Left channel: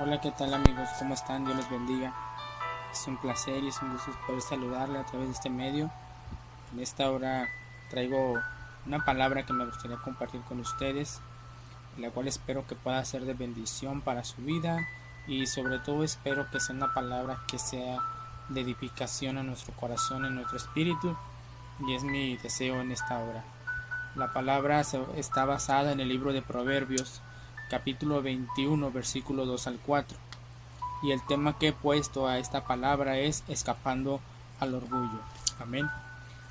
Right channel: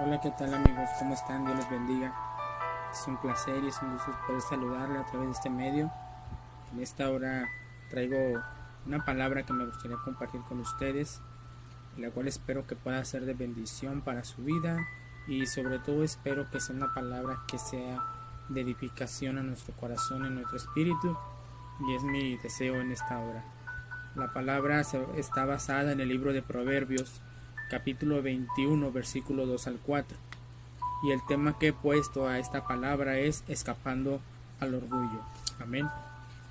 Hola, ¿qué tal amigos? ¿Cómo están? Dios los bendiga. Es un placer y es un gusto poder saludarle a través de este medio. En esta hora traigo una palabra que me gustaría compartir con ustedes, la cual espero que pueda ser de bendición para su vida y sobre todo espero que sea una palabra que sea de edificación a nuestro corazón, en nuestro espíritu, y es mi deseo en esta hora. La palabra está basada en el libro de Proverbios, capítulo 21, versículo 2 al 4. Y el tema que he puesto a esta palabra es escapando al orgullo. Amén.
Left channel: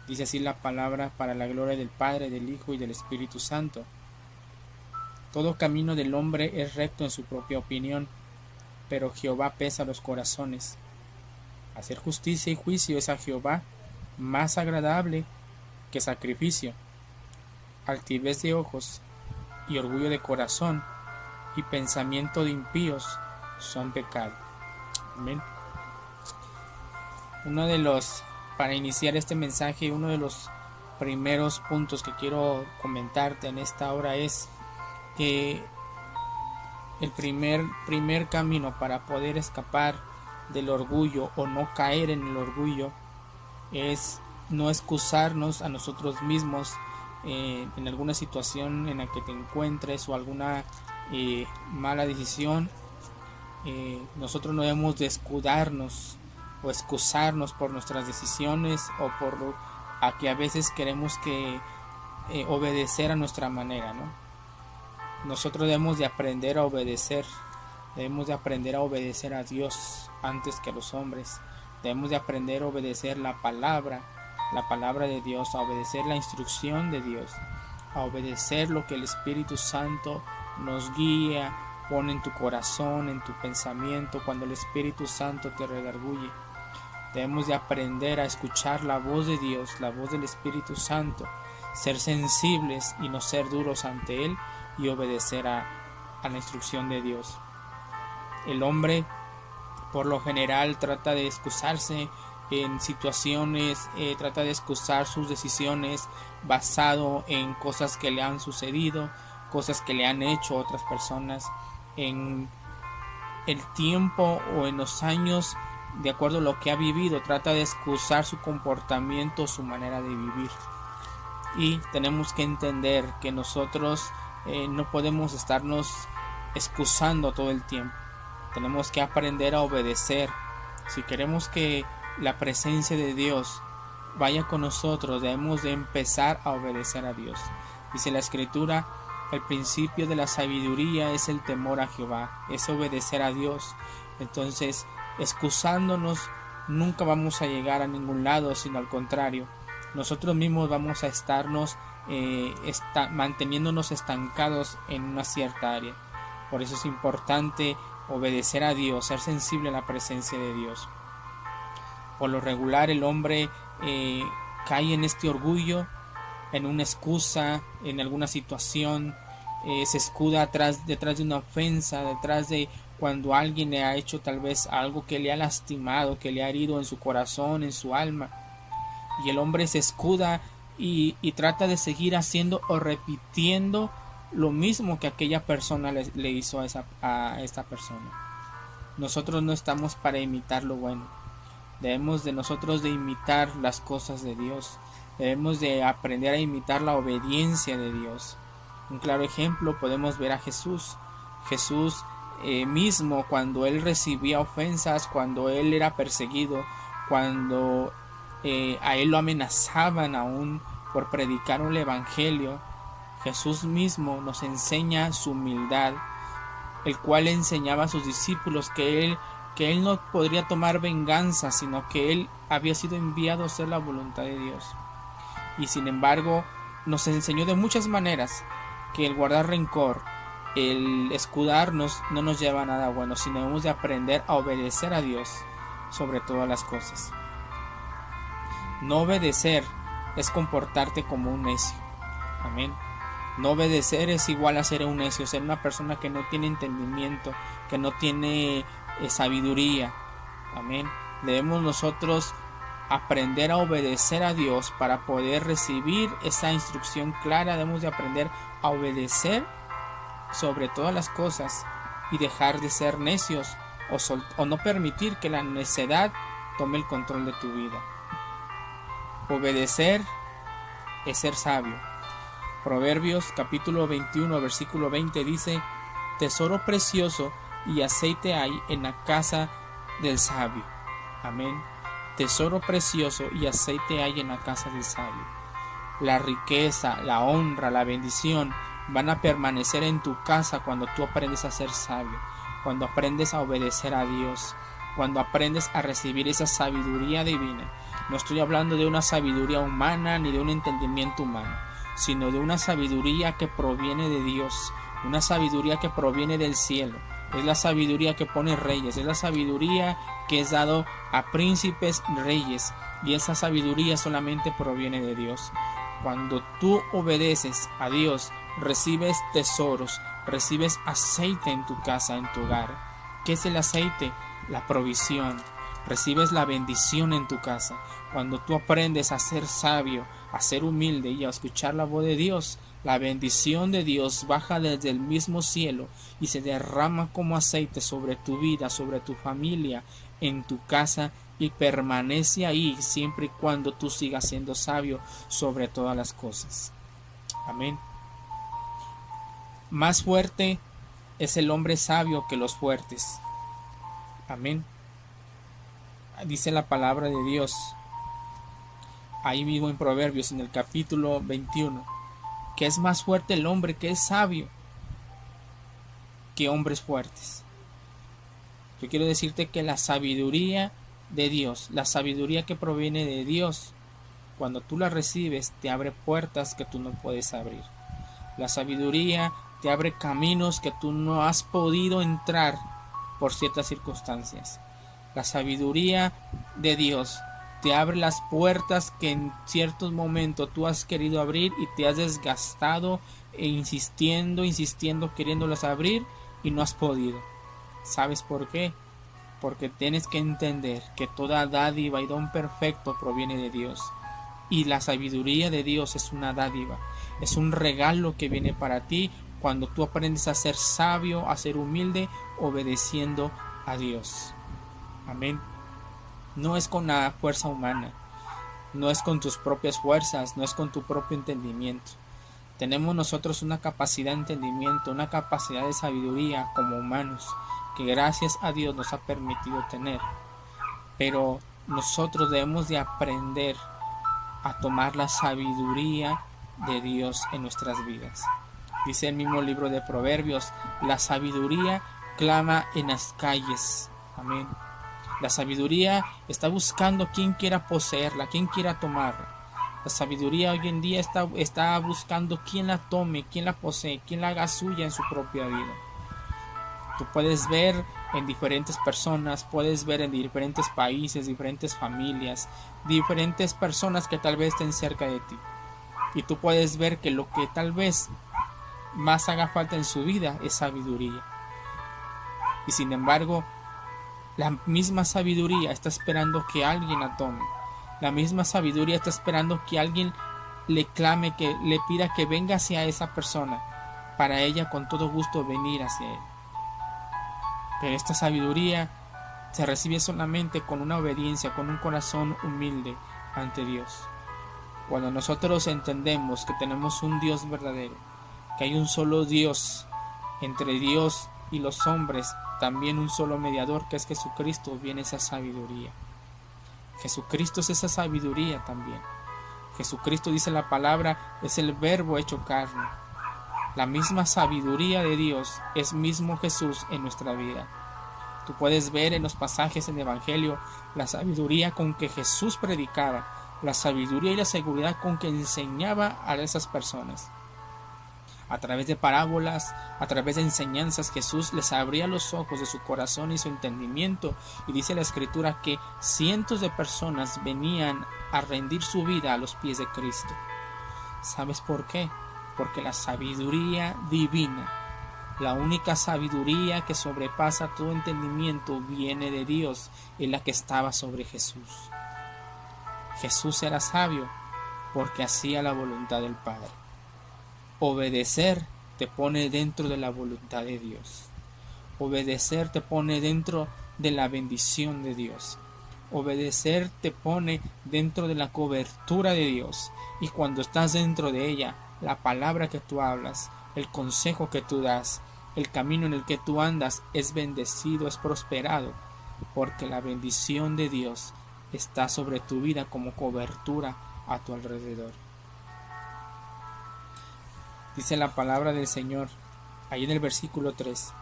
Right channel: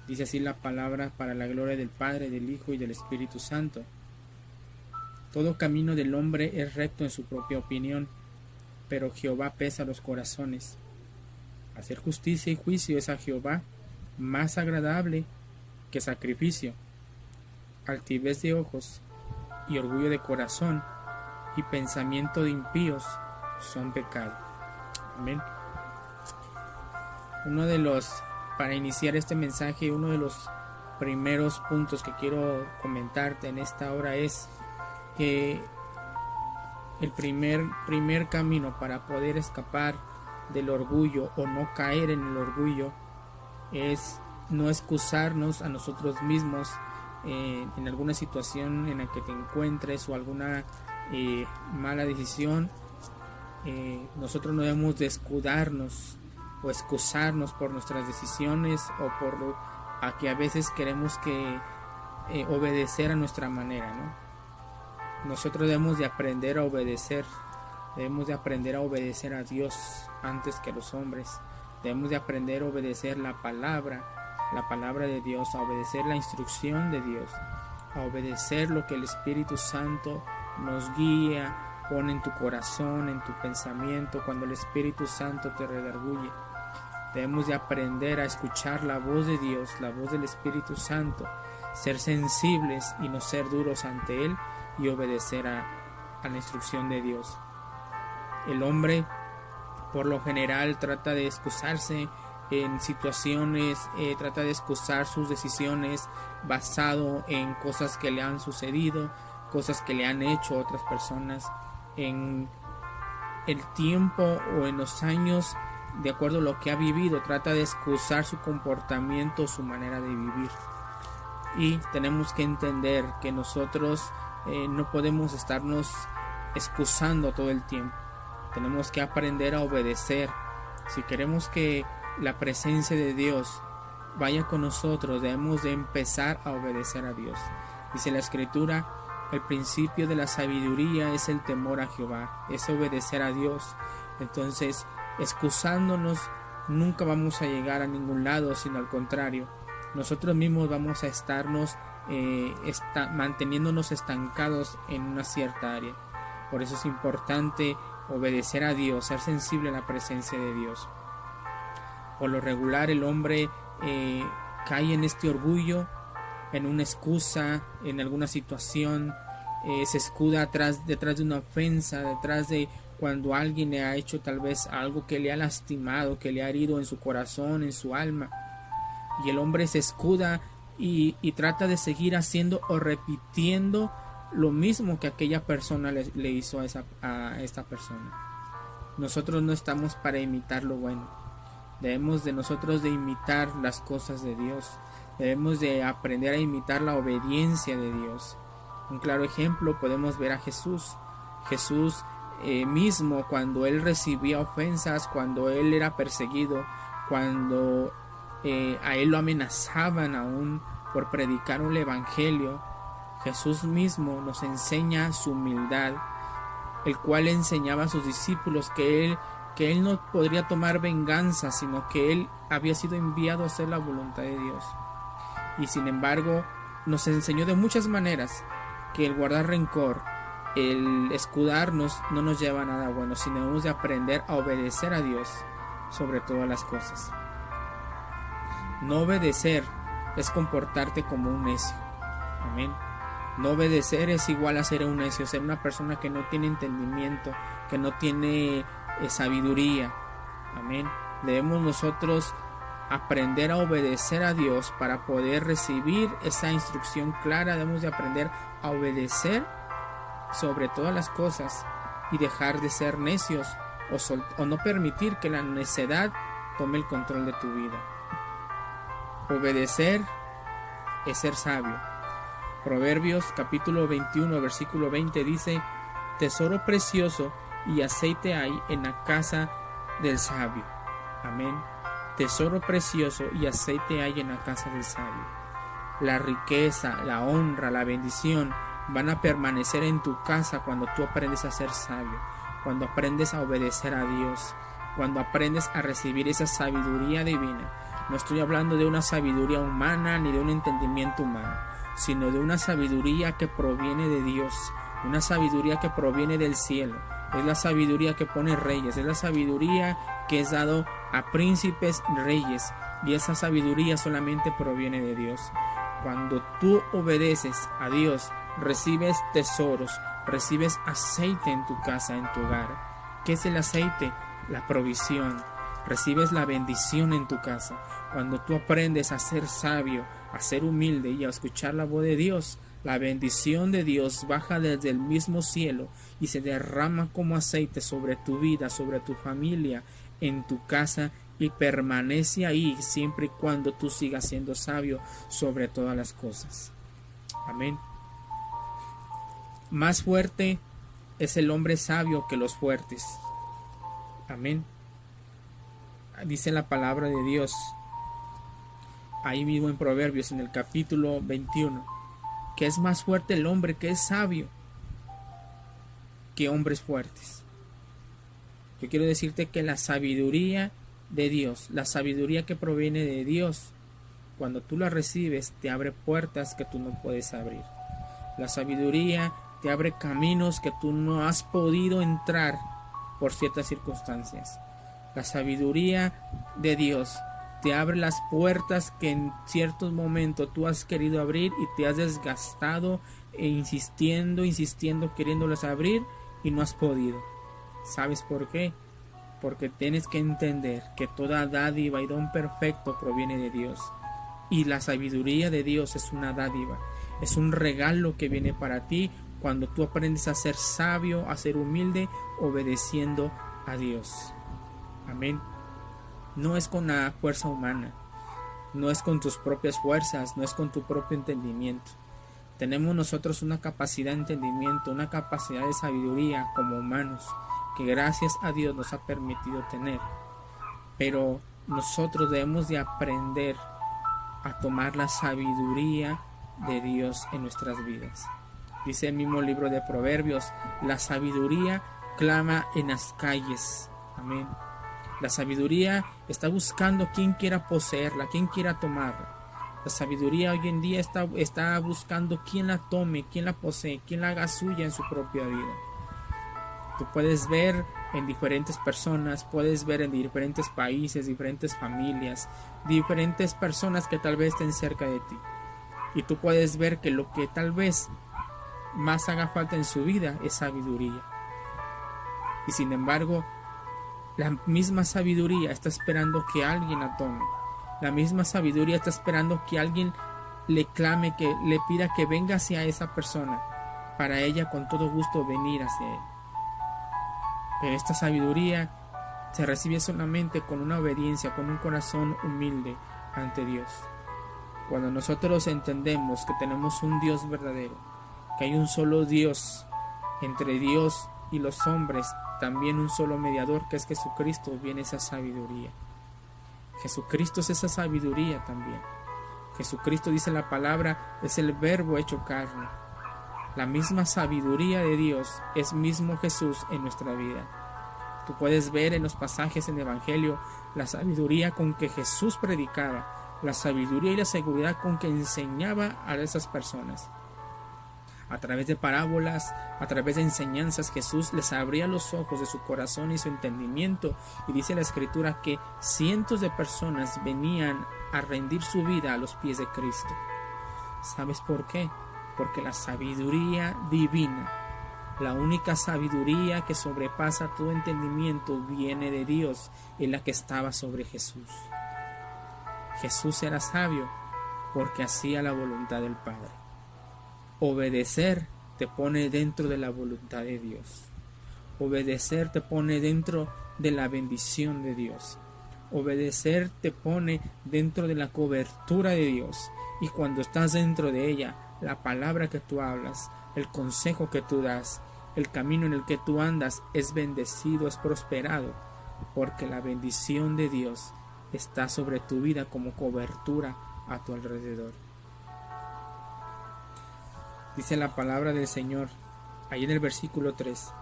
Dice así la palabra: para la gloria del Padre, del Hijo y del Espíritu Santo. Todo camino del hombre es recto en su propia opinión, pero Jehová pesa los corazones. Hacer justicia y juicio es a Jehová más agradable que sacrificio. Altivez de ojos y orgullo de corazón y pensamiento de impíos son pecado. Amén. Para iniciar este mensaje, uno de los primeros puntos que quiero comentarte en esta hora es que el primer camino para poder escapar del orgullo o no caer en el orgullo es no excusarnos a nosotros mismos en alguna situación en la que te encuentres o alguna mala decisión. Nosotros no debemos de escudarnos o excusarnos por nuestras decisiones o por a que a veces queremos que obedecer a nuestra manera, ¿no? Nosotros debemos de aprender a obedecer. Debemos de aprender a obedecer a Dios antes que a los hombres. Debemos de aprender a obedecer la palabra de Dios, a obedecer la instrucción de Dios, a obedecer lo que el Espíritu Santo nos guía, pone en tu corazón, en tu pensamiento, cuando el Espíritu Santo te redarguye. Debemos de aprender a escuchar la voz de Dios, la voz del Espíritu Santo, ser sensibles y no ser duros ante Él y obedecer a la instrucción de Dios. El hombre por lo general trata de excusarse en situaciones, trata de excusar sus decisiones basado en cosas que le han sucedido, cosas que le han hecho otras personas, en el tiempo o en los años, de acuerdo a lo que ha vivido. Trata de excusar su comportamiento, su manera de vivir. Y tenemos que entender que nosotros no podemos estarnos excusando todo el tiempo. Tenemos que aprender a obedecer. Si queremos que la presencia de Dios vaya con nosotros, debemos de empezar a obedecer a Dios. Dice la Escritura: el principio de la sabiduría es el temor a Jehová, es obedecer a Dios. Entonces, excusándonos nunca vamos a llegar a ningún lado, sino al contrario, nosotros mismos vamos a estarnos manteniéndonos estancados en una cierta área. Por eso es importante obedecer a Dios, ser sensible a la presencia de Dios. Por lo regular el hombre cae en este orgullo, en una excusa, en alguna situación, se escuda detrás de una ofensa, detrás de cuando alguien le ha hecho tal vez algo que le ha lastimado, que le ha herido en su corazón, en su alma, y el hombre se escuda y trata de seguir haciendo o repitiendo lo mismo que aquella persona le hizo a esta persona. Nosotros no estamos para imitar lo bueno. Debemos de nosotros de imitar las cosas de Dios. Debemos de aprender a imitar la obediencia de Dios. Un claro ejemplo podemos ver a Jesús. Jesús mismo, cuando él recibía ofensas, cuando él era perseguido, cuando a él lo amenazaban aún por predicar un evangelio, Jesús mismo nos enseña su humildad, el cual enseñaba a sus discípulos que él no podría tomar venganza, sino que él había sido enviado a hacer la voluntad de Dios. Y sin embargo nos enseñó de muchas maneras que el guardar rencor, el escudarnos, no nos lleva a nada bueno, sino debemos de aprender a obedecer a Dios sobre todas las cosas. No obedecer es comportarte como un necio. Amén. No obedecer es igual a ser un necio, ser una persona que no tiene entendimiento, que no tiene sabiduría. Amén. Debemos nosotros aprender a obedecer a Dios para poder recibir esa instrucción clara. Debemos de aprender a obedecer sobre todas las cosas y dejar de ser necios o no permitir que la necedad tome el control de tu vida. Obedecer es ser sabio. Proverbios capítulo 21 versículo 20 dice: tesoro precioso y aceite hay en la casa del sabio. Amén. Tesoro precioso y aceite hay en la casa del sabio. La riqueza, la honra, la bendición van a permanecer en tu casa cuando tú aprendes a ser sabio, cuando aprendes a obedecer a Dios, cuando aprendes a recibir esa sabiduría divina. No estoy hablando de una sabiduría humana ni de un entendimiento humano, sino de una sabiduría que proviene de Dios, una sabiduría que proviene del cielo. Es la sabiduría que pone reyes, es la sabiduría que es dado a príncipes reyes, y esa sabiduría solamente proviene de Dios. Cuando tú obedeces a Dios, recibes tesoros, recibes aceite en tu casa, en tu hogar. ¿Qué es el aceite? La provisión. Recibes la bendición en tu casa. Cuando tú aprendes a ser sabio, a ser humilde y a escuchar la voz de Dios, la bendición de Dios baja desde el mismo cielo y se derrama como aceite sobre tu vida, sobre tu familia, en tu casa, y permanece ahí siempre y cuando tú sigas siendo sabio sobre todas las cosas. Amén. Más fuerte es el hombre sabio que los fuertes. Amén. Dice la palabra de Dios ahí mismo en Proverbios, en el capítulo 21, que es más fuerte el hombre que es sabio que hombres fuertes. Yo quiero decirte que la sabiduría de Dios, la sabiduría que proviene de Dios, cuando tú la recibes, te abre puertas que tú no puedes abrir. La sabiduría te abre caminos que tú no has podido entrar por ciertas circunstancias. La sabiduría de Dios te abre las puertas que en ciertos momentos tú has querido abrir y te has desgastado insistiendo, queriéndolas abrir y no has podido. ¿Sabes por qué? Porque tienes que entender que toda dádiva y don perfecto proviene de Dios. Y la sabiduría de Dios es una dádiva, es un regalo que viene para ti cuando tú aprendes a ser sabio, a ser humilde, obedeciendo a Dios. Amén. No es con la fuerza humana, no es con tus propias fuerzas, no es con tu propio entendimiento. Tenemos nosotros una capacidad de entendimiento, una capacidad de sabiduría como humanos, que gracias a Dios nos ha permitido tener. Pero nosotros debemos de aprender a tomar la sabiduría de Dios en nuestras vidas. Dice el mismo libro de Proverbios: la sabiduría clama en las calles. Amén. La sabiduría está buscando quien quiera poseerla, quien quiera tomarla. La sabiduría hoy en día está buscando quien la tome, quien la posee, quien la haga suya en su propia vida. Tú puedes ver en diferentes personas, puedes ver en diferentes países, diferentes familias, diferentes personas que tal vez estén cerca de ti. Y tú puedes ver que lo que tal vez más haga falta en su vida es sabiduría. Y sin embargo, la misma sabiduría está esperando que alguien la tome. La misma sabiduría está esperando que alguien le clame, que le pida que venga hacia esa persona, para ella con todo gusto venir hacia él. Pero esta sabiduría se recibe solamente con una obediencia, con un corazón humilde ante Dios. Cuando nosotros entendemos que tenemos un Dios verdadero, que hay un solo Dios, entre Dios y los hombres, también un solo mediador, que es Jesucristo, viene esa sabiduría. Jesucristo es esa sabiduría también. Jesucristo, dice la palabra, es el verbo hecho carne. La misma sabiduría de Dios es mismo Jesús en nuestra vida. Tú puedes ver en los pasajes en el Evangelio la sabiduría con que Jesús predicaba, la sabiduría y la seguridad con que enseñaba a esas personas. A través de parábolas, a través de enseñanzas, Jesús les abría los ojos de su corazón y su entendimiento, y dice la Escritura que cientos de personas venían a rendir su vida a los pies de Cristo. ¿Sabes por qué? Porque la sabiduría divina, la única sabiduría que sobrepasa todo entendimiento, viene de Dios, y la que estaba sobre Jesús. Jesús era sabio porque hacía la voluntad del Padre. Obedecer te pone dentro de la voluntad de Dios. Obedecer te pone dentro de la bendición de Dios. Obedecer te pone dentro de la cobertura de Dios. Y cuando estás dentro de ella, la palabra que tú hablas, el consejo que tú das, el camino en el que tú andas es bendecido, es prosperado, porque la bendición de Dios está sobre tu vida como cobertura a tu alrededor. Dice la palabra del Señor, ahí en el versículo 3,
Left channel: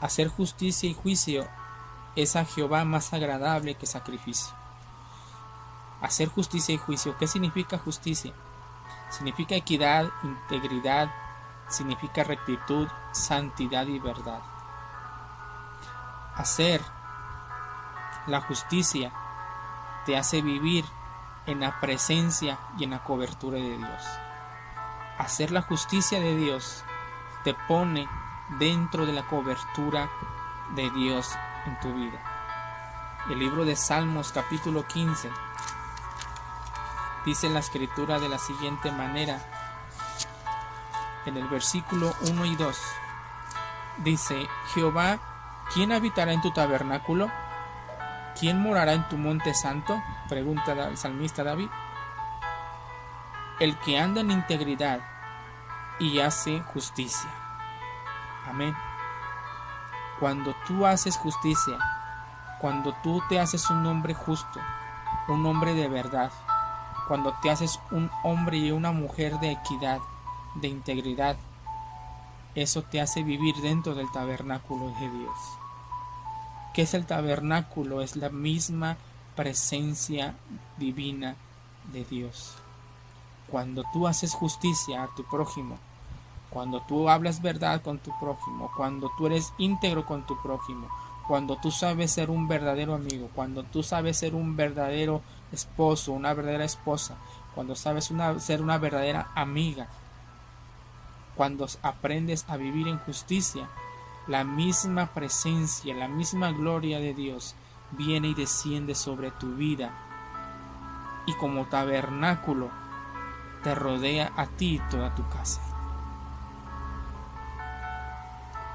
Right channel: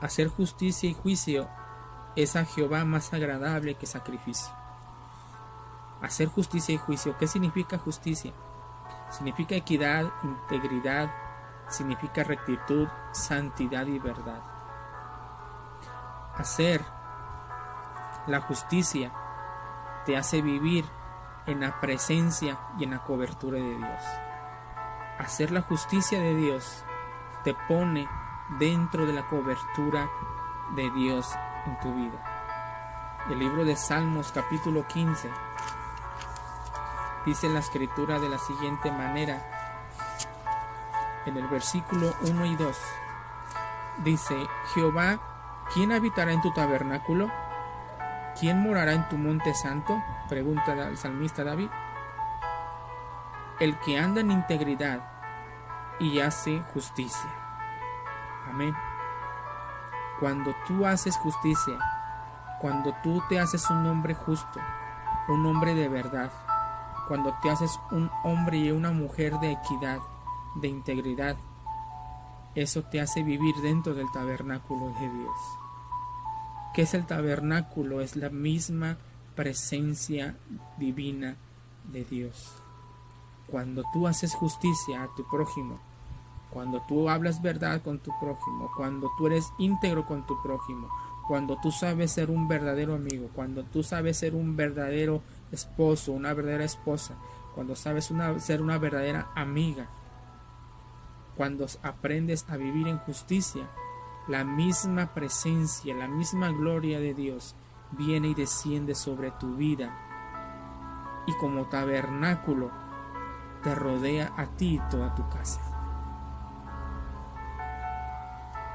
hacer justicia y juicio es a Jehová más agradable que sacrificio. Hacer justicia y juicio, ¿qué significa justicia? Significa equidad, integridad, significa rectitud, santidad y verdad. Hacer la justicia te hace vivir en la presencia y en la cobertura de Dios. Hacer la justicia de Dios te pone dentro de la cobertura de Dios en tu vida. El libro de Salmos capítulo 15 dice la escritura de la siguiente manera, en el versículo 1 y 2, dice: Jehová, ¿quién habitará en tu tabernáculo? ¿Quién morará en tu monte santo? Pregunta el salmista David. El que anda en integridad y hace justicia. Amén. Cuando tú haces justicia, cuando tú te haces un hombre justo, un hombre de verdad, cuando te haces un hombre y una mujer de equidad, de integridad, eso te hace vivir dentro del tabernáculo de Dios. ¿Qué es el tabernáculo? Es la misma presencia divina de Dios. Cuando tú haces justicia a tu prójimo, cuando tú hablas verdad con tu prójimo, cuando tú eres íntegro con tu prójimo, cuando tú sabes ser un verdadero amigo, cuando tú sabes ser un verdadero esposo, una verdadera esposa, cuando sabes ser una verdadera amiga, cuando aprendes a vivir en justicia, la misma presencia, la misma gloria de Dios viene y desciende sobre tu vida y como tabernáculo te rodea a ti y toda tu casa.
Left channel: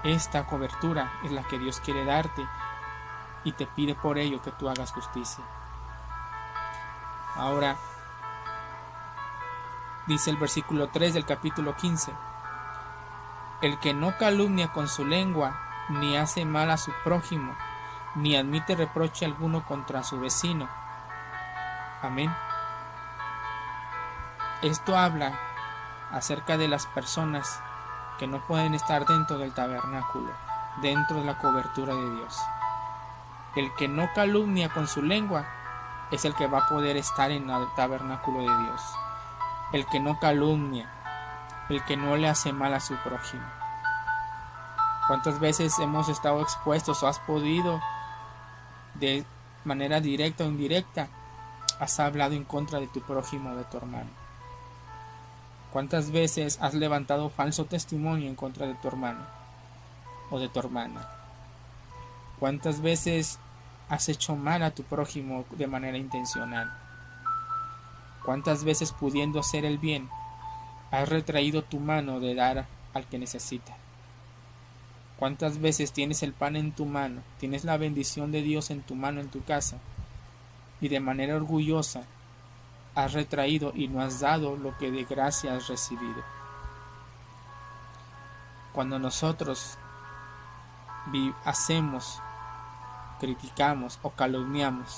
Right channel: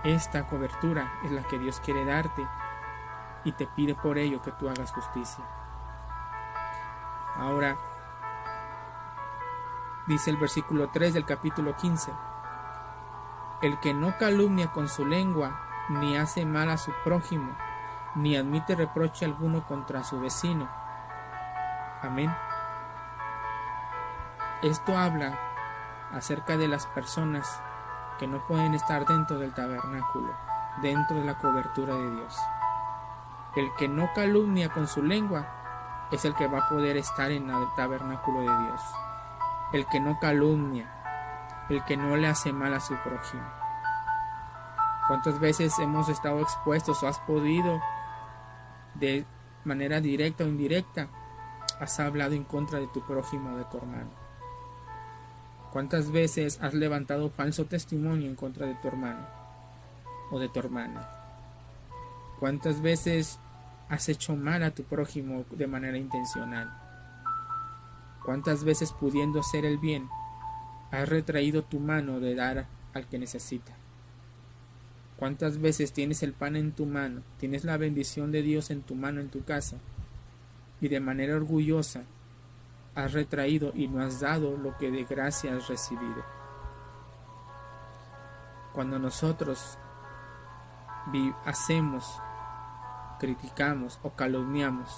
Esta cobertura es la que Dios quiere darte y te pide por ello que tú hagas justicia. Ahora, dice el versículo 3 del capítulo 15: el que no calumnia con su lengua, ni hace mal a su prójimo, ni admite reproche alguno contra su vecino. Amén. Esto habla acerca de las personas que no pueden estar dentro del tabernáculo, dentro de la cobertura de Dios. El que no calumnia con su lengua es el que va a poder estar en el tabernáculo de Dios. El que no calumnia, el que no le hace mal a su prójimo. ¿Cuántas veces hemos estado expuestos o has podido, de manera directa o indirecta, has hablado en contra de tu prójimo o de tu hermano? ¿Cuántas veces has levantado falso testimonio en contra de tu hermano o de tu hermana? ¿Cuántas veces has hecho mal a tu prójimo de manera intencional? ¿Cuántas veces, pudiendo hacer el bien, has retraído tu mano de dar al que necesita? ¿Cuántas veces tienes el pan en tu mano, tienes la bendición de Dios en tu mano en tu casa, y de manera orgullosa has retraído y no has dado lo que de gracia has recibido? Cuando nosotros hacemos, criticamos o calumniamos,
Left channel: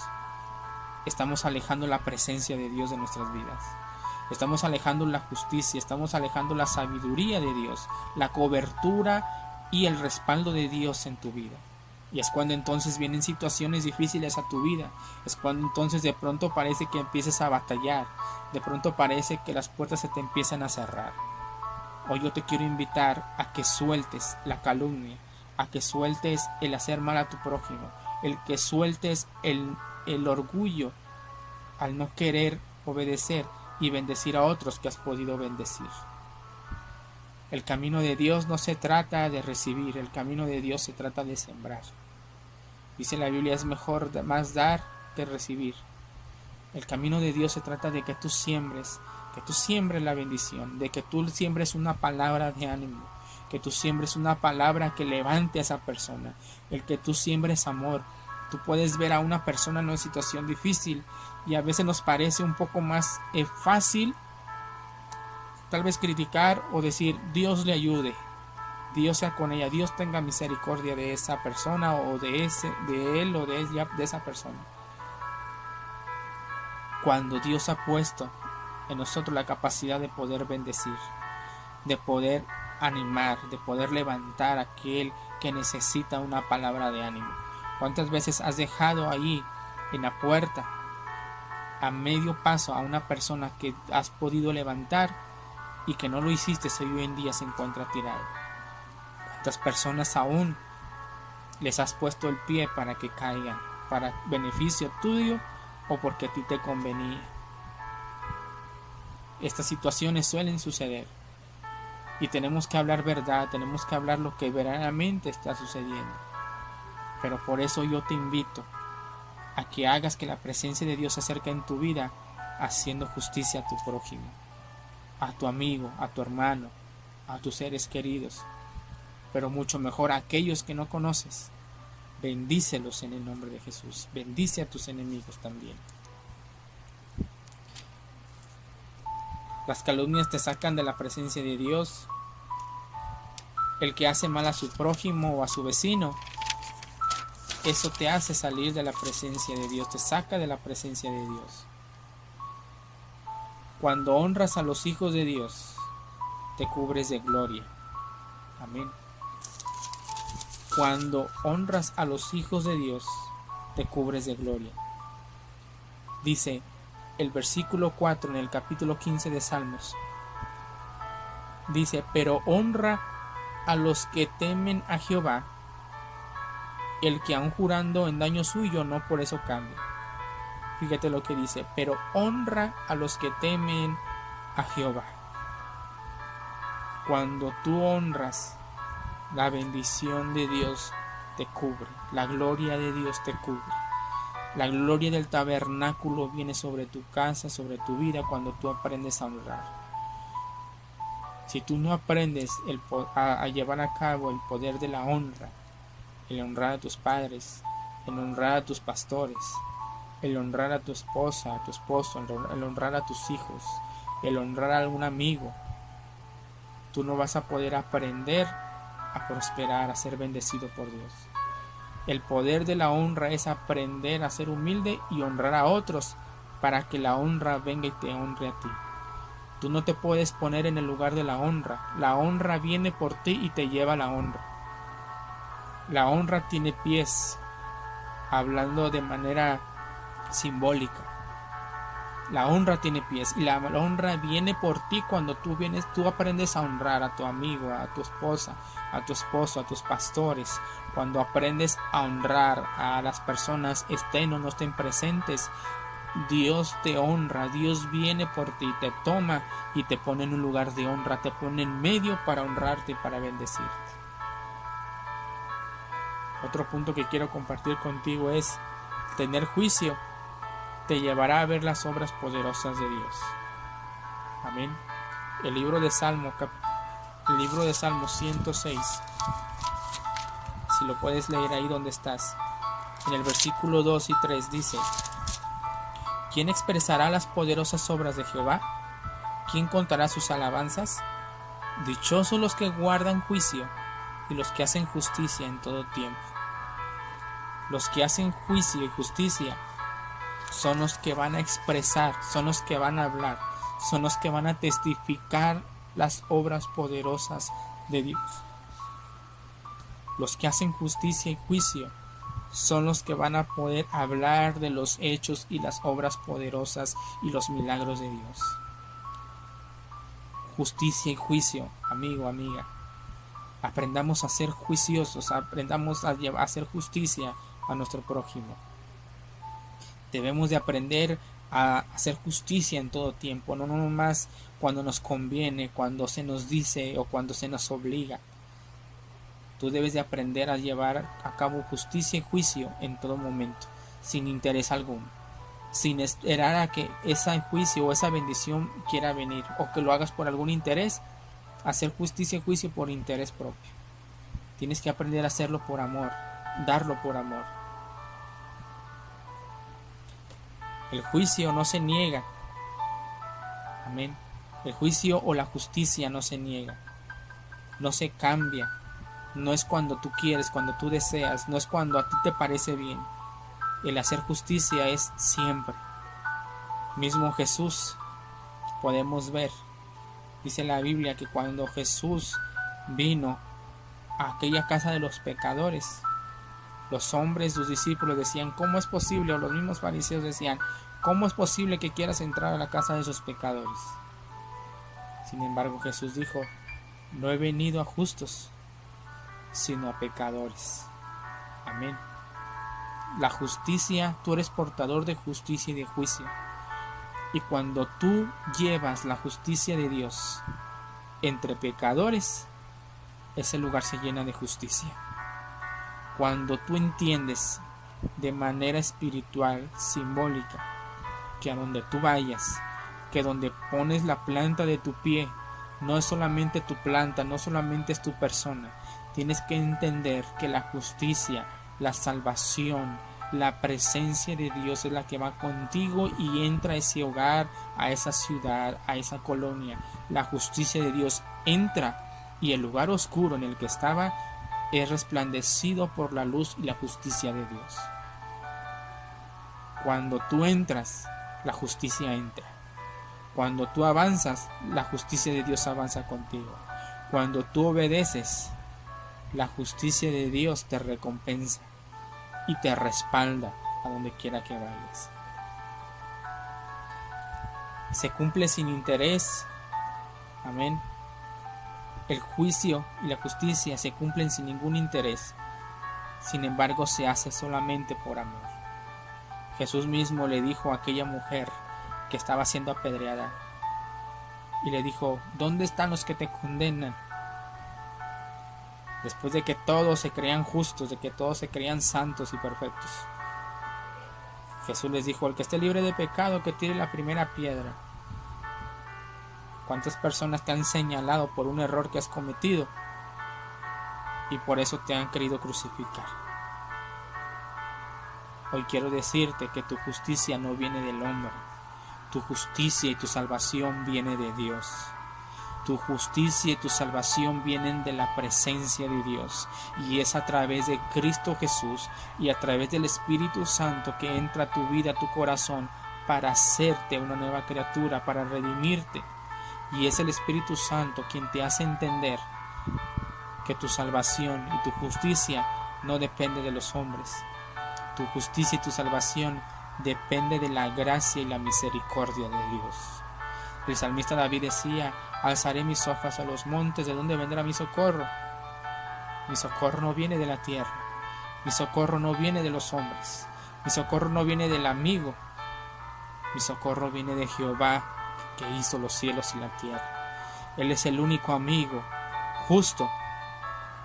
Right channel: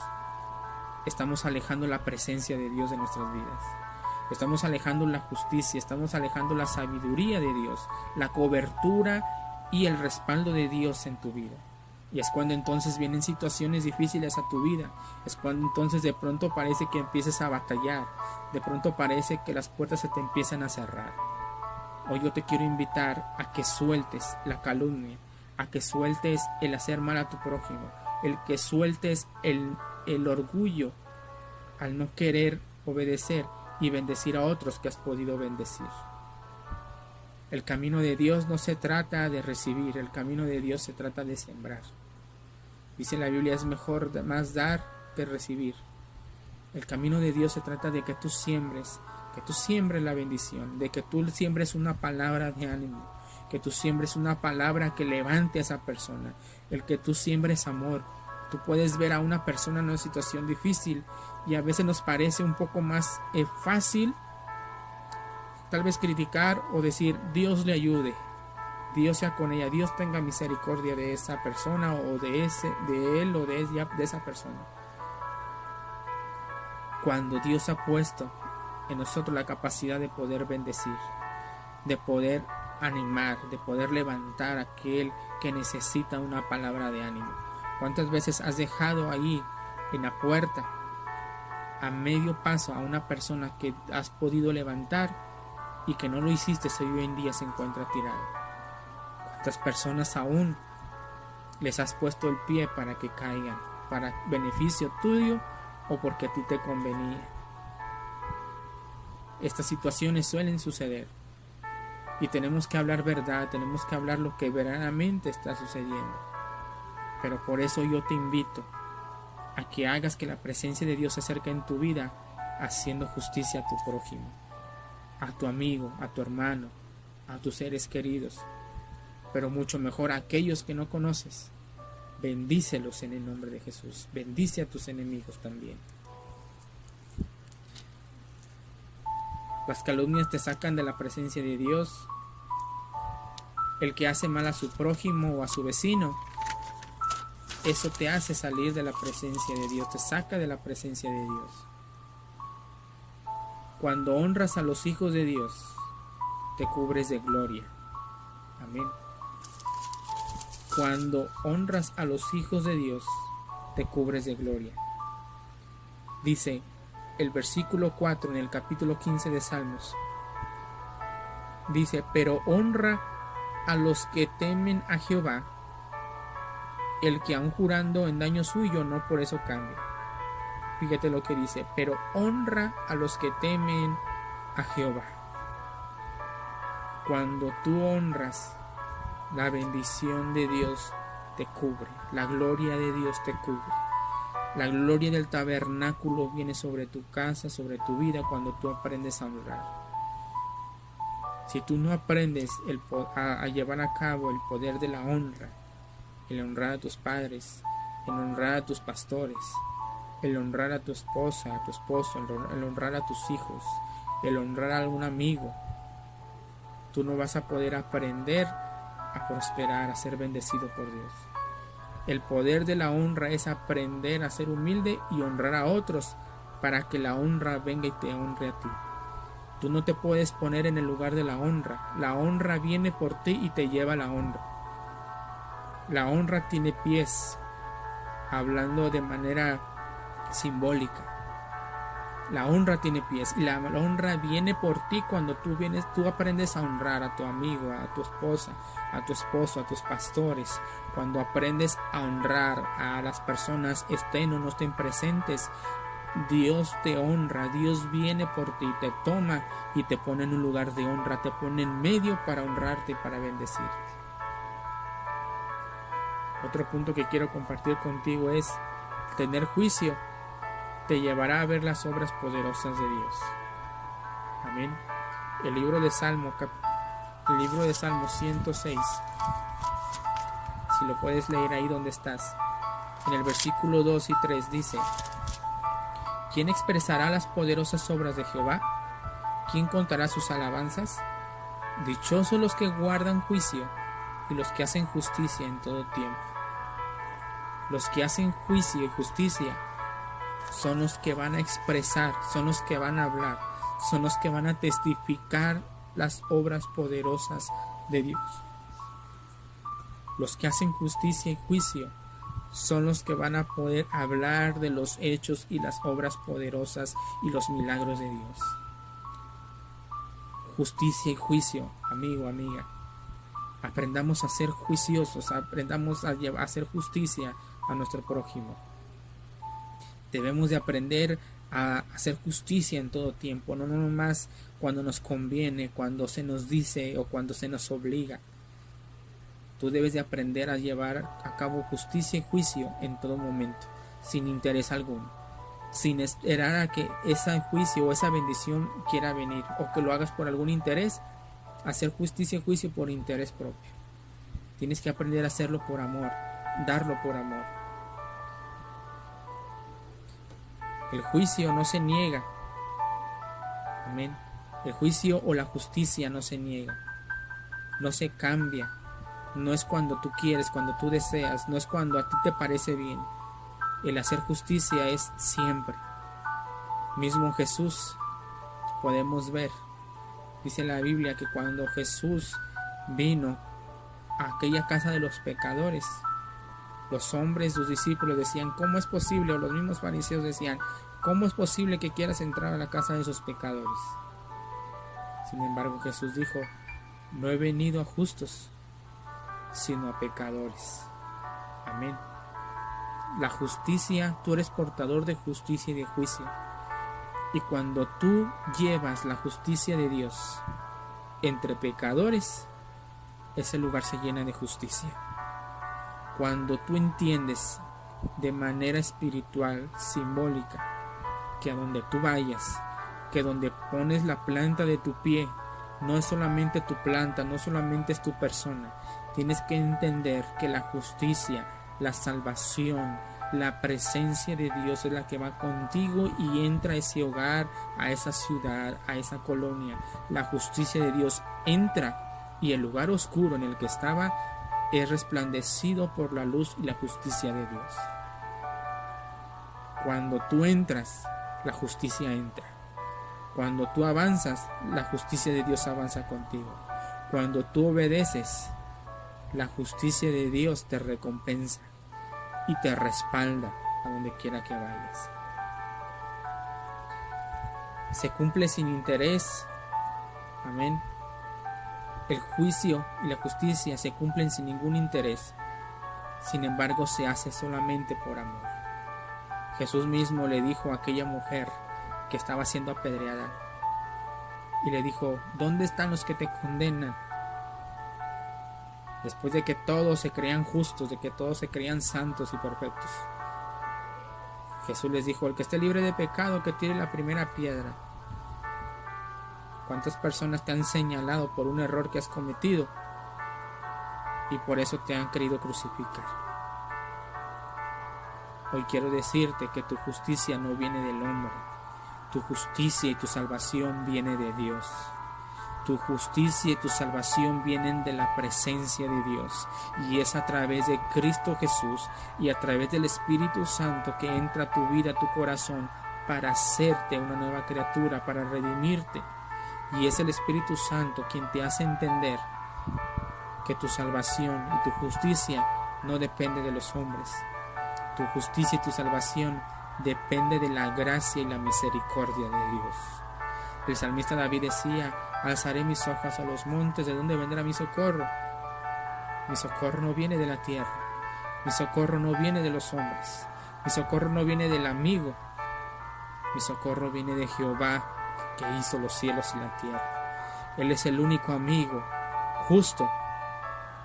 estamos alejando la presencia de Dios de nuestras vidas. Estamos alejando la justicia, estamos alejando la sabiduría de Dios, la cobertura y el respaldo de Dios en tu vida. Y es cuando entonces vienen situaciones difíciles a tu vida. Es cuando entonces de pronto parece que empieces a batallar. De pronto parece que las puertas se te empiezan a cerrar. Hoy yo te quiero invitar a que sueltes la calumnia, a que sueltes el hacer mal a tu prójimo, el que sueltes el orgullo al no querer obedecer y bendecir a otros que has podido bendecir. El camino de Dios no se trata de recibir, el camino de Dios se trata de sembrar. Dice la Biblia, es mejor más dar que recibir. El camino de Dios se trata de que tú siembres la bendición, de que tú siembres una palabra de ánimo, que tú siembres una palabra que levante a esa persona, el que tú siembres amor. Tú puedes ver a una persona en una situación difícil y a veces nos parece un poco más fácil tal vez criticar o decir Dios le ayude, Dios sea con ella, Dios tenga misericordia de esa persona o de él o de ella, de esa persona. Cuando Dios ha puesto en nosotros la capacidad de poder bendecir, de poder animar, de poder levantar a aquel que necesita una palabra de ánimo. ¿Cuántas veces has dejado ahí en la puerta a medio paso a una persona que has podido levantar y que no lo hiciste hoy en día se encuentra tirado? ¿Cuántas personas aún les has puesto el pie para que caigan, para beneficio tuyo o porque a ti te convenía? Estas situaciones suelen suceder y tenemos que hablar verdad, tenemos que hablar lo que verdaderamente está sucediendo. Pero por eso yo te invito a que hagas que la presencia de Dios se acerque en tu vida haciendo justicia a tu prójimo, a tu amigo, a tu hermano, a tus seres queridos, pero mucho mejor a aquellos que no conoces. Bendícelos en el nombre de Jesús. Bendice a tus enemigos también. Las calumnias te sacan de la presencia de Dios. El que hace mal a su prójimo o a su vecino, eso te hace salir de la presencia de Dios, te saca de la presencia de Dios. Cuando honras a los hijos de Dios, te cubres de gloria. Amén. Cuando honras a los hijos de Dios, te cubres de gloria. Dice el versículo 4 en el capítulo 15 de Salmos. Dice, pero honra a los que temen a Jehová, el que aun jurando en daño suyo no por eso cambia. Fíjate lo que dice, pero honra a los que temen a Jehová. Cuando tú honras, la bendición de Dios te cubre, la gloria de Dios te cubre. La gloria del tabernáculo viene sobre tu casa, sobre tu vida cuando tú aprendes a honrar. Si tú no aprendes a llevar a cabo el poder de la honra, el honrar a tus padres, el honrar a tus pastores, el honrar a tu esposa, a tu esposo, el honrar a tus hijos, el honrar a algún amigo, tú no vas a poder aprender a prosperar, a ser bendecido por Dios. El poder de la honra es aprender a ser humilde y honrar a otros para que la honra venga y te honre a ti. Tú no te puedes poner en el lugar de la honra. La honra viene por ti y te lleva a la honra. La honra tiene pies, hablando de manera simbólica. La honra tiene pies y la honra viene por ti cuando tú aprendes a honrar a tu amigo, a tu esposa, a tu esposo, a tus pastores. Cuando aprendes a honrar a las personas, estén o no estén presentes, Dios te honra, Dios viene por ti, te toma y te pone en un lugar de honra, te pone en medio para honrarte y para bendecirte. Otro punto que quiero compartir contigo es tener juicio te llevará a ver las obras poderosas de Dios. Amén. El libro de Salmo 106, si lo puedes leer ahí donde estás, en el versículo 2 y 3 dice: ¿quién expresará las poderosas obras de Jehová? ¿Quién contará sus alabanzas? Dichosos los que guardan juicio y los que hacen justicia en todo tiempo. Los que hacen juicio y justicia son los que van a expresar, son los que van a hablar, son los que van a testificar las obras poderosas de Dios. Los que hacen justicia y juicio son los que van a poder hablar de los hechos y las obras poderosas y los milagros de Dios. Justicia y juicio, amigo, amiga. Aprendamos a ser juiciosos, aprendamos a hacer justicia a nuestro prójimo. Debemos de aprender a hacer justicia en todo tiempo, no nomás cuando nos conviene, cuando se nos dice o cuando se nos obliga. Tú debes de aprender a llevar a cabo justicia y juicio en todo momento, sin interés alguno, sin esperar a que ese juicio o esa bendición quiera venir o que lo hagas por algún interés. hacer justicia y juicio por interés propio. Tienes que aprender a hacerlo por amor, darlo por amor. El juicio no se niega. Amén. El juicio o la justicia no se niega. No se cambia. No es cuando tú quieres, cuando tú deseas. No es cuando a ti te parece bien. El hacer justicia es siempre. Mismo Jesús, podemos ver, dice la Biblia que cuando Jesús vino a aquella casa de los pecadores, los hombres, sus discípulos decían, ¿cómo es posible? O los mismos fariseos decían, ¿cómo es posible que quieras entrar a la casa de esos pecadores? Sin embargo, Jesús dijo, no he venido a justos, sino a pecadores. Amén. La justicia, tú eres portador de justicia y de juicio. Y cuando tú llevas la justicia de Dios entre pecadores, ese lugar se llena de justicia. Cuando tú entiendes de manera espiritual, simbólica, que a donde tú vayas, que donde pones la planta de tu pie, no es solamente tu planta, no solamente es tu persona. Tienes que entender que la justicia, la salvación, la presencia de Dios es la que va contigo y entra a ese hogar, a esa ciudad, a esa colonia. La justicia de Dios entra y el lugar oscuro en el que estaba es resplandecido por la luz y la justicia de Dios. Cuando tú entras, la justicia entra. Cuando tú avanzas, la justicia de Dios avanza contigo. Cuando tú obedeces, la justicia de Dios te recompensa y te respalda a donde quiera que vayas. Se cumple sin interés. Amén. El juicio y la justicia se cumplen sin ningún interés. Sin embargo, se hace solamente por amor. Jesús mismo le dijo a aquella mujer que estaba siendo apedreada y le dijo, ¿dónde están los que te condenan? Después de que todos se creían justos, de que todos se creían santos y perfectos, Jesús les dijo, el que esté libre de pecado, que tire la primera piedra. ¿Cuántas personas te han señalado por un error que has cometido y por eso te han querido crucificar? Hoy quiero decirte que tu justicia no viene del hombre. Tu justicia y tu salvación viene de Dios. Tu justicia y tu salvación vienen de la presencia de Dios, y es a través de Cristo Jesús y a través del Espíritu Santo que entra a tu vida, a tu corazón, para hacerte una nueva criatura, para redimirte. Y es el Espíritu Santo quien te hace entender que tu salvación y tu justicia no depende de los hombres. Tu justicia y tu salvación depende de la gracia y la misericordia de Dios. El salmista David decía, alzaré mis ojos a los montes, ¿de dónde vendrá mi socorro? Mi socorro no viene de la tierra, mi socorro no viene de los hombres, mi socorro no viene del amigo, mi socorro viene de Jehová, que hizo los cielos y la tierra. Él es el único amigo justo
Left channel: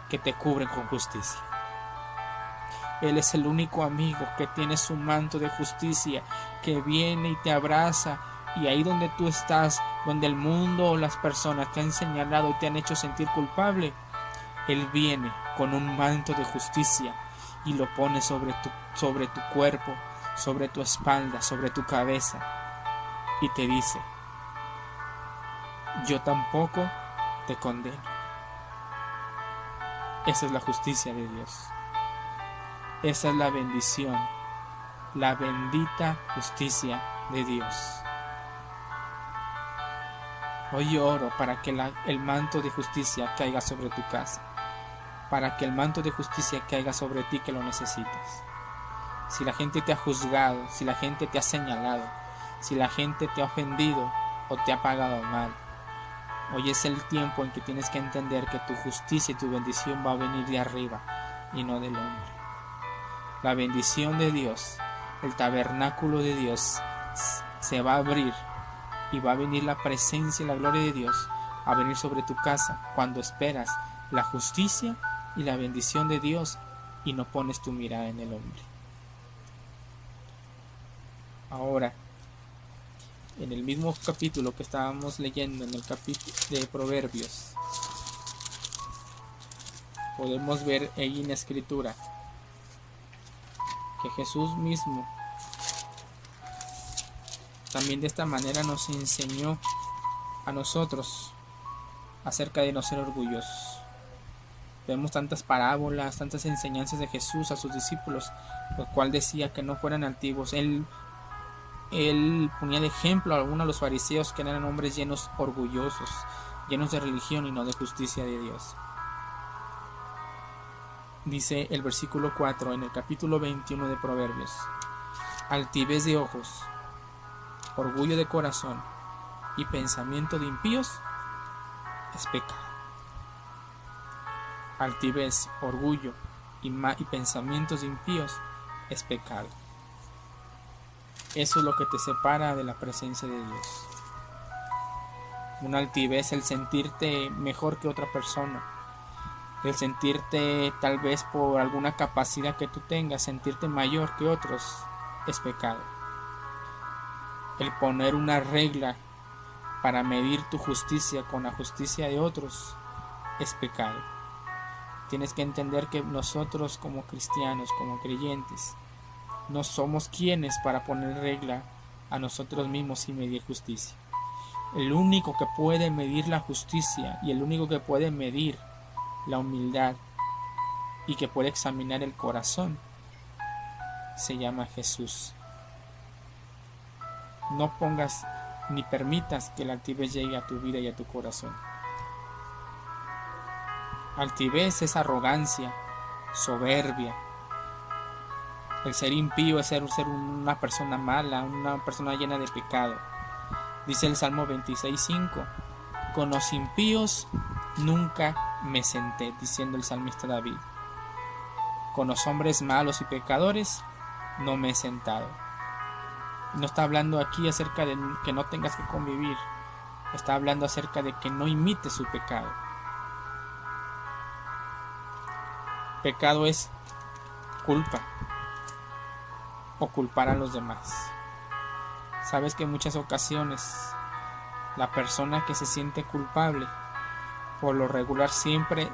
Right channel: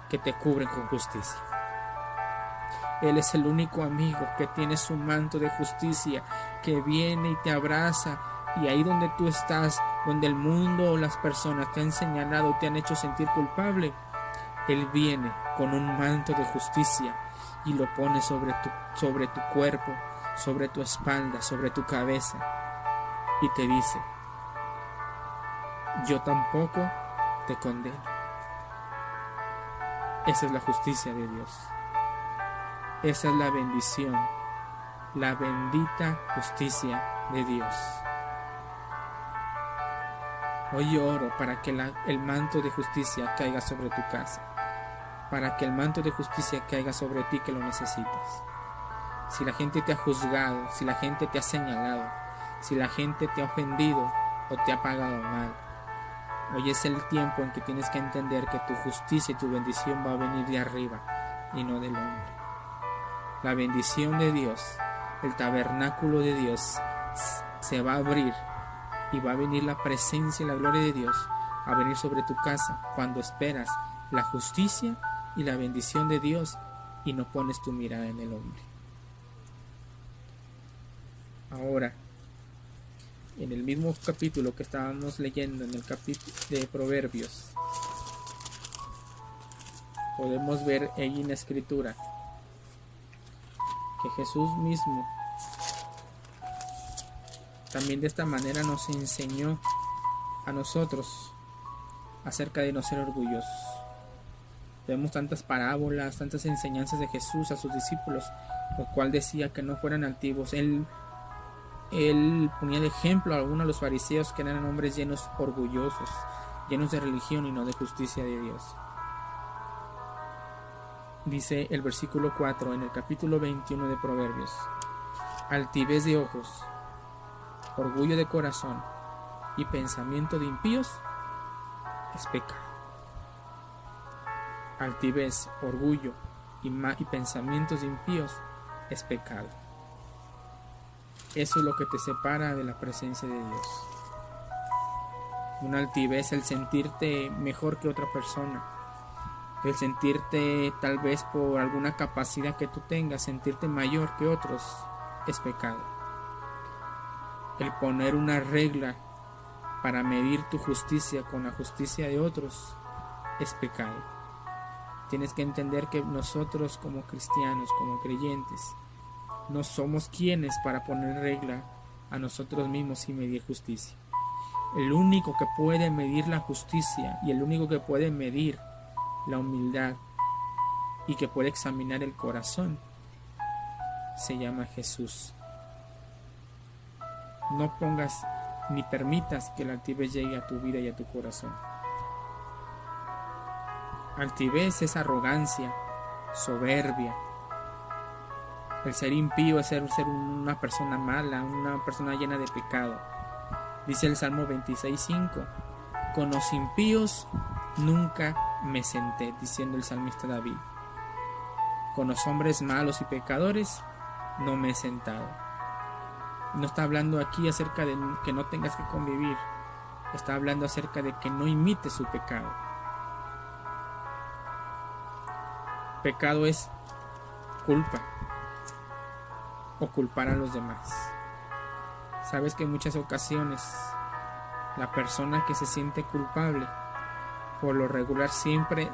que te cubre con justicia. Él es el único amigo que tiene su manto de justicia, que viene y te abraza. Y ahí donde tú estás, donde el mundo o las personas te han señalado y te han hecho sentir culpable, Él viene con un manto de justicia y lo pone sobre tu cuerpo, sobre tu espalda, sobre tu cabeza, y te dice, yo tampoco te condeno. Esa es la justicia de Dios. Esa es la bendición, la bendita justicia de Dios. Hoy oro para que el manto de justicia caiga sobre tu casa, para que el manto de justicia caiga sobre ti que lo necesitas. Si la gente te ha juzgado, si la gente te ha señalado, si la gente te ha ofendido o te ha pagado mal, hoy es el tiempo en que tienes que entender que tu justicia y tu bendición va a venir de arriba y no del hombre. La bendición de Dios, el tabernáculo de Dios se va a abrir y va a venir la presencia y la gloria de Dios a venir sobre tu casa cuando esperas la justicia y la bendición de Dios y no pones tu mirada en el hombre. Ahora, en el mismo capítulo que estábamos leyendo, en el capítulo de Proverbios, podemos ver ahí en la escritura que Jesús mismo también de esta manera nos enseñó a nosotros acerca de no ser orgullosos. Vemos tantas parábolas, tantas enseñanzas de Jesús a sus discípulos, lo cual decía que no fueran altivos. Él ponía de ejemplo a algunos de los fariseos, que eran hombres llenos orgullosos, llenos de religión y no de justicia de Dios. Dice el versículo 4 en el capítulo 21 de Proverbios: altivez de ojos, orgullo de corazón y pensamiento de impíos es pecado. Altivez, orgullo y pensamientos de impíos es pecado. Eso es lo que te separa de la presencia de Dios. Una altivez, el sentirte mejor que otra persona, el sentirte tal vez por alguna capacidad que tú tengas, sentirte mayor que otros, es pecado. El poner una regla para medir tu justicia con la justicia de otros es pecado. Tienes que entender que nosotros como cristianos, como creyentes, no somos quienes para poner regla a nosotros mismos y medir justicia. El único que puede medir la justicia y el único que puede medir la humildad y que puede examinar el corazón se llama Jesús. No pongas ni permitas que la altivez llegue a tu vida y a tu corazón. Altivez es arrogancia, soberbia. El ser impío es ser una persona mala, una persona llena de pecado. Dice el Salmo 26:5: con los impíos nunca me senté, diciendo el salmista David. Con los hombres malos y pecadores no me he sentado. No está hablando aquí acerca de que no tengas que convivir. Está hablando acerca de que no imites su pecado. Pecado es culpa o culpar a los demás. Sabes que en muchas ocasiones la persona que se siente culpable, por lo regular siempre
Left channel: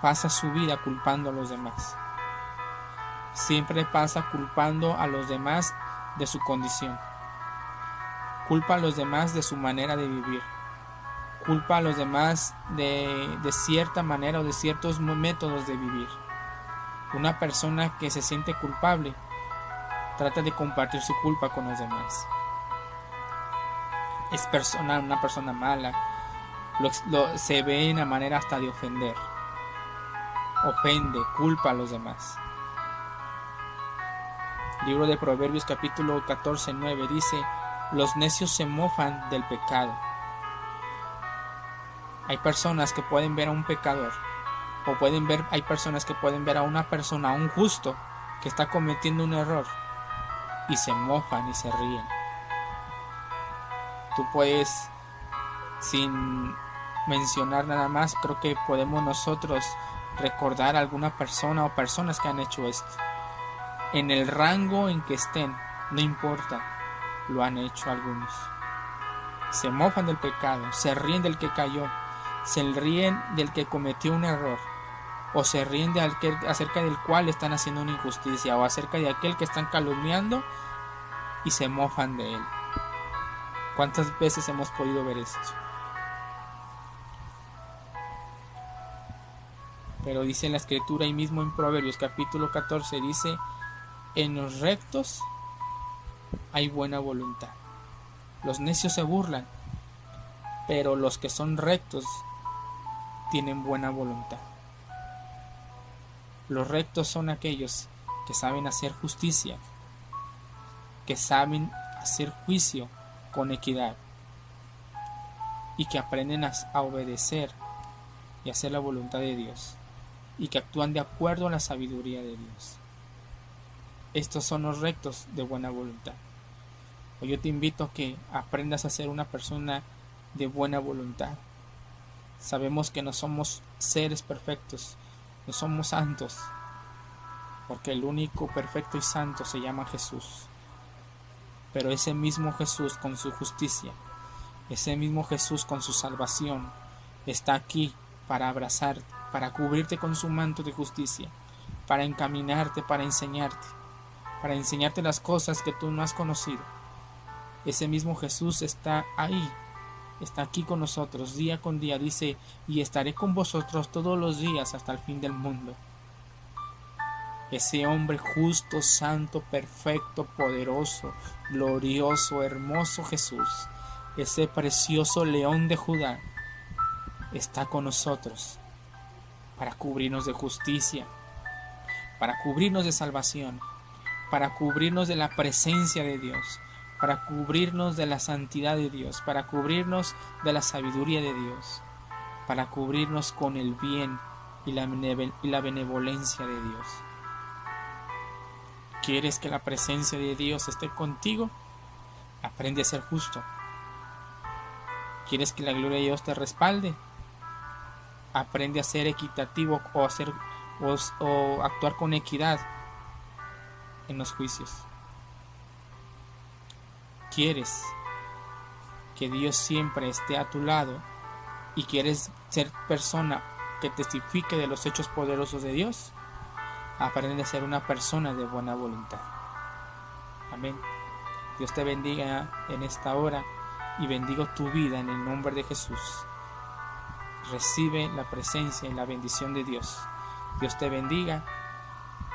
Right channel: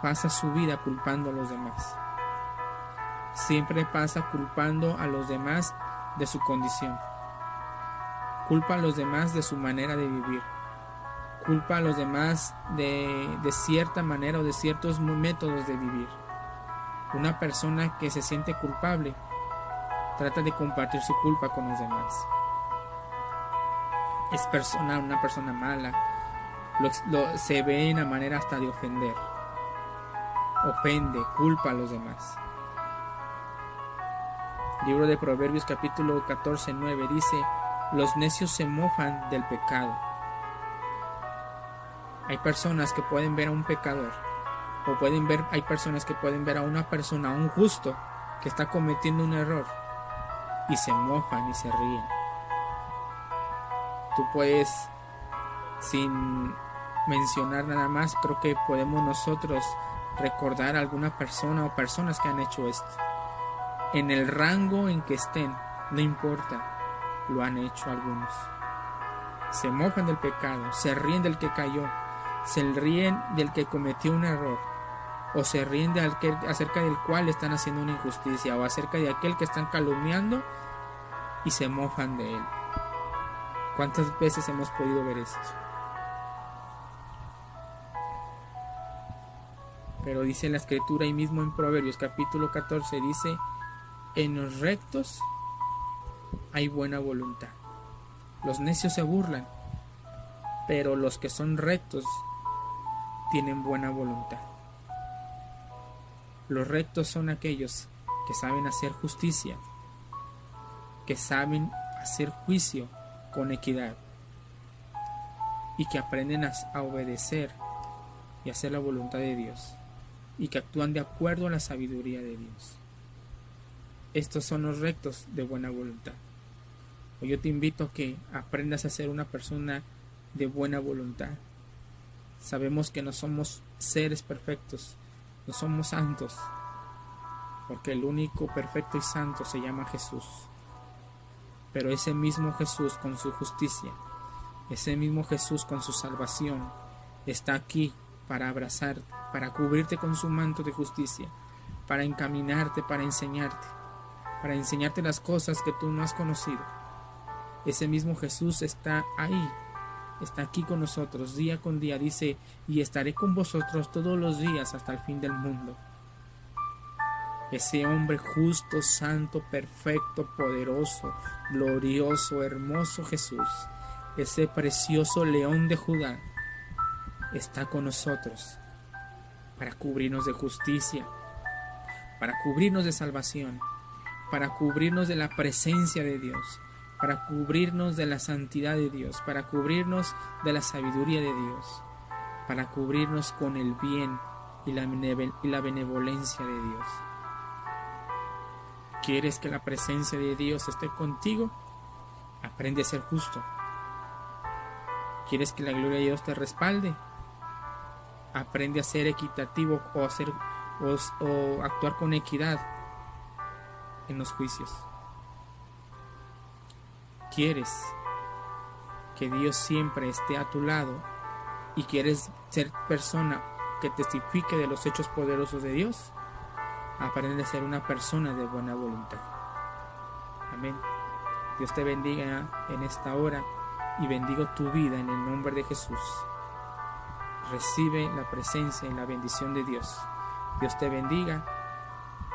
pasa su vida culpando a los demás. Siempre pasa culpando a los demás de su condición. Culpa a los demás de su manera de vivir. Culpa a los demás de cierta manera o de ciertos métodos de vivir. Una persona que se siente culpable trata de compartir su culpa con los demás. Es una persona mala. Se ve en la manera hasta de ofender. Ofende, culpa a los demás. Libro de Proverbios capítulo 14:9 dice: los necios se mofan del pecado. Hay personas que pueden ver a un pecador, hay personas que pueden ver a una persona, a un justo, que está cometiendo un error, y se mofan y se ríen. Tú puedes, sin mencionar nada más, creo que podemos nosotros recordar a alguna persona o personas que han hecho esto. En el rango en que estén, no importa, lo han hecho algunos. Se mofan del pecado, se ríen del que cayó, se ríen del que cometió un error, o se ríen de acerca del cual están haciendo una injusticia, o acerca de aquel que están calumniando y se mofan de él. ¿Cuántas veces hemos podido ver esto? Pero dice en la escritura, y mismo en Proverbios capítulo 14, dice: en los rectos hay buena voluntad. Los necios se burlan, pero los que son rectos tienen buena voluntad. Los rectos son aquellos que saben hacer justicia, que saben hacer juicio con equidad y que aprenden a obedecer y hacer la voluntad de Dios y que actúan de acuerdo a la sabiduría de Dios. Estos son los rectos de buena voluntad. Hoy yo te invito a que aprendas a ser una persona de buena voluntad. Sabemos que no somos seres perfectos, no somos santos, porque el único perfecto y santo se llama Jesús. pero ese mismo Jesús con su justicia, ese mismo Jesús con su salvación, está aquí para abrazarte, para cubrirte con su manto de justicia, para encaminarte, para enseñarte las cosas que tú no has conocido. Ese mismo Jesús está ahí, está aquí con nosotros día con día. Dice: y estaré con vosotros todos los días hasta el fin del mundo. Ese hombre justo, santo, perfecto, poderoso, glorioso, hermoso Jesús, ese precioso león de Judá, está con nosotros para cubrirnos de justicia, para cubrirnos de salvación, para cubrirnos de la presencia de Dios, para cubrirnos de la santidad de Dios, para cubrirnos de la sabiduría de Dios, para cubrirnos con el bien y la benevolencia de Dios. ¿Quieres que la presencia de Dios esté contigo? Aprende a ser justo. ¿Quieres que la gloria de Dios te respalde? Aprende a ser equitativo o actuar con equidad en los juicios. ¿Quieres que Dios siempre esté a tu lado y quieres ser persona que testifique de los hechos poderosos de Dios? Aprende a ser una persona de buena voluntad. Amén. Dios te bendiga en esta hora y bendigo tu vida en el nombre de Jesús. Recibe la presencia y la bendición de Dios. Dios te bendiga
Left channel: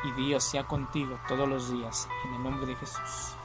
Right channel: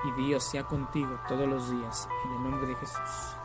y Dios sea contigo todos los días en el nombre de Jesús.